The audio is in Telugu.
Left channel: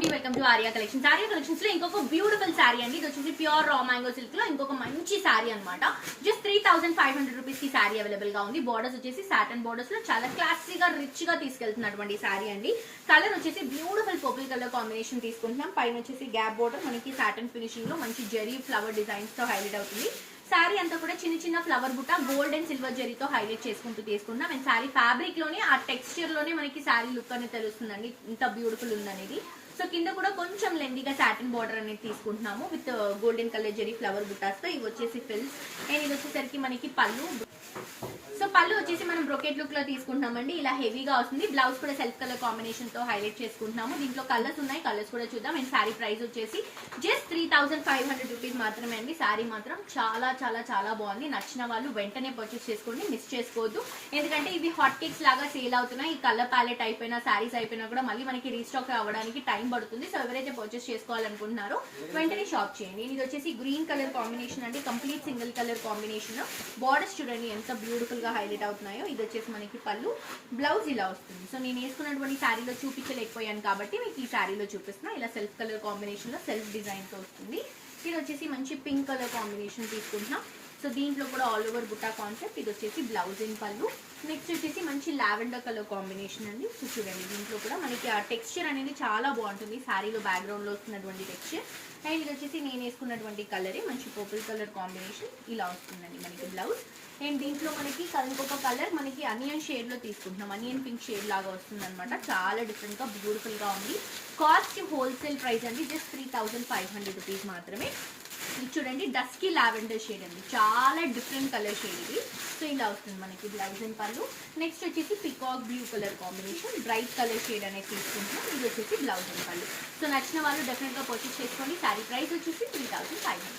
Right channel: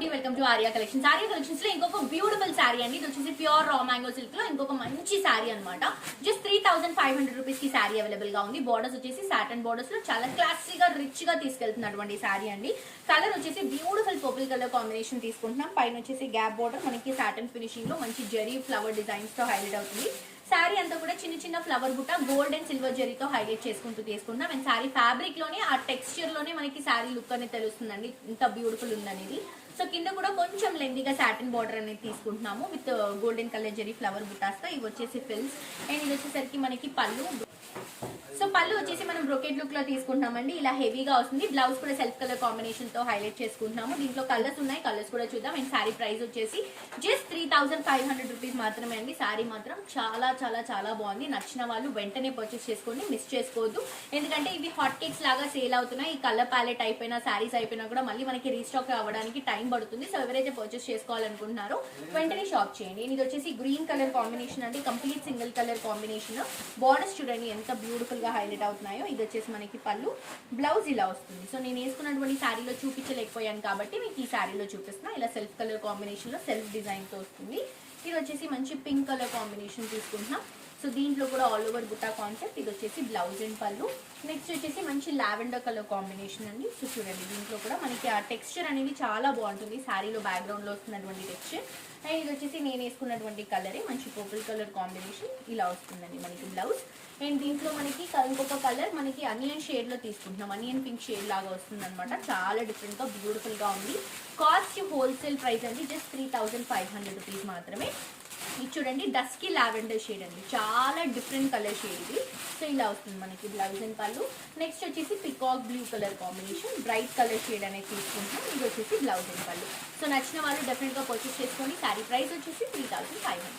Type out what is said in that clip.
అండి, welcome to Arya collections. Arya collections లో ఇంకొక బ్యూటిఫుల్ శారీ అండి. ఇది వచ్చేసి ప్యూర్ రా మ్యాంగో సిల్క్ లో ఇంకొక మంచి శారీ అనమాట. జస్ట్ 3500 రూపీస్ కి శారీ అవైలబుల్ గా ఉంది. బోర్డర్స్ వచ్చేసి సాటన్ బోర్డర్స్ లో చాలా క్లాసీగా రిచ్ గా తీసుకెళ్తున్నటువంటి శారీ అండి. కలర్ వచ్చేసి బ్యూటిఫుల్ పర్పుల్ కలర్ కాంబినేషన్ తీసుకుంటున్నాం. పైన వచ్చేసి గ్యాప్ బోర్డర్ మనకి సాటన్ ఫినిషింగ్ లో మంచి జరీ ఫ్లవర్ డిజైన్స్ తో హైలైట్ అవుతుంది. శారీ అంతా కూడా చిన్న చిన్న ఫ్లవర్ బుట్ట గోల్డ్ అండ్ సిల్వర్ జరీతో హైలైట్ చేసుకుంటూ తీసుకుంటాం. అండ్ శారీ ఫ్యాబ్రిక్ లోనే ఆ టెక్స్చర్ లోనే మనకి శారీ లుక్ అనేది తెలుస్తుందండి, ఇంత బ్యూటిఫుల్ ఉందనేది. సో కింద కూడా కొంచెం లెందీగా సాటిన్ బార్డర్ అనేది తీసుకుంటున్నాము with golden colour zari flower బుట్టాస్ తో. ఇవి వచ్చేసి ఫిల్స్ అండ్ ఇది వచ్చేసరికి మనకి పళ్ళు. సో పళ్ళు వచ్చేసి మనం బ్రోకెట్ లుక్ లో తీసుకుంటున్నామండి. ఇలా హెవీగా వస్తుంది. బ్లౌజ్ కూడా సెల్ఫ్ కలర్ కాంబినేషన్ తో హైలైట్ చేసుకుంటున్నాము. దీంట్లో కలర్స్ ఉన్నాయి, కలర్స్ కూడా చూద్దాం. అండ్ శారీ ప్రైస్ వచ్చేసి జస్ట్ 3500 రూపీస్ మాత్రమే అండి. శారీ మాత్రం చాలా చాలా చాలా బాగుంది. నచ్చిన వాళ్ళు వెంటనే పర్చేస్ చేసుకోండి, మిస్ చేసుకోవద్దు. ఎందుకంటే ఇవి హాట్ కేక్స్ లాగా సేల్ అవుతున్నాయి. ఈ కలర్ ప్యాలెట్ అయిపోయినా శారీస్ అయిపోయినా కూడా మళ్ళీ మనకి రీస్టాక్ అవ్వడానికి టైం పడుతుంది. సో ఎవరైతే పర్చేస్ చేసుకోవాలనుకుంటున్నారో వెంటనే షాప్ చేయండి. ఇది వచ్చేసి గ్రీన్ కలర్ కాంబినేషన్ అంటే complete single colour combination. Borders చూడండి ఎంత బ్యూటిఫుల్ గా హైలైట్ అవుతున్నాయో. ఇది వచ్చేసి మనకి పళ్ళు, బ్లౌజ్ ఇలా వస్తుంది. సో నేను వేసుకున్నటువంటి శారీలో చూపించలేకపోయాను కాబట్టి మీకు ఈ శారీలో చూపిస్తున్నా. ఇలా సెల్ఫ్ కలర్ కాంబినేషన్ లో సెల్ఫ్ డిజైన్ తో వస్తుంది. ఇది వచ్చేసి మంచి పింక్ కలర్ కాంబినేషన్ తీసుకుంటున్నాం. సో దీంట్లో కూడా ఆల్ ఓవర్ బుట్టా కాన్సెప్ట్. ఇది వచ్చేసి బ్లౌజ్ అండ్ పళ్ళు. నెక్స్ట్ వచ్చేసి మంచి లావెండర్ కలర్ కాంబినేషన్ అండి. సో చూడండి దీంట్లో కూడా మనకి ఆ టెక్స్చర్ అనేది చాలా బాగుంటుంది. శారీలో బ్యాక్గ్రౌండ్ లో వస్తున్నటువంటి టెక్స్చర్. అండ్ ఇది వచ్చేసి నేను వేసుకున్నటువంటి కలరే మంచి పర్పుల్ కలర్ కాంబినేషన్ ఇలా వస్తుందండి మనకి బ్లౌజ్. అండ్ దీంట్లో మనకి ఇంకొక కలర్ మనకి అనియన్ షేడ్ లో తీసుకుంటున్నాం. అనియన్ పింక్ షేడ్ లాగా వస్తుంది అనమాట. చాలా డిఫరెంట్ గా బ్యూటిఫుల్ గా ఉంది. కాస్ట్ హోల్సేల్ ప్రైస్ అండి జస్ట్ 3500 రూపీస్ మాత్రమే. ఇది చూడండి డస్కీ లావెండర్ షేడ్ అండి, చాలా డిఫరెంట్ కలర్ షేడ్ ఇది. సో ఇలా వస్తుంది మనకి బ్లౌజ్ అండ్ పళ్ళు. నెక్స్ట్ వచ్చేసి peacock blue colour combination bright colour shade అనేది తీసుకుంటున్నాం. ఇది వచ్చేసి బ్లౌజ్ అండ్ పళ్ళు. సో నచ్చిన వాళ్ళు డెఫినెట్ గా పర్చేస్ చేసుకోండి. శారీ ప్రైస్ వచ్చేసి 3500.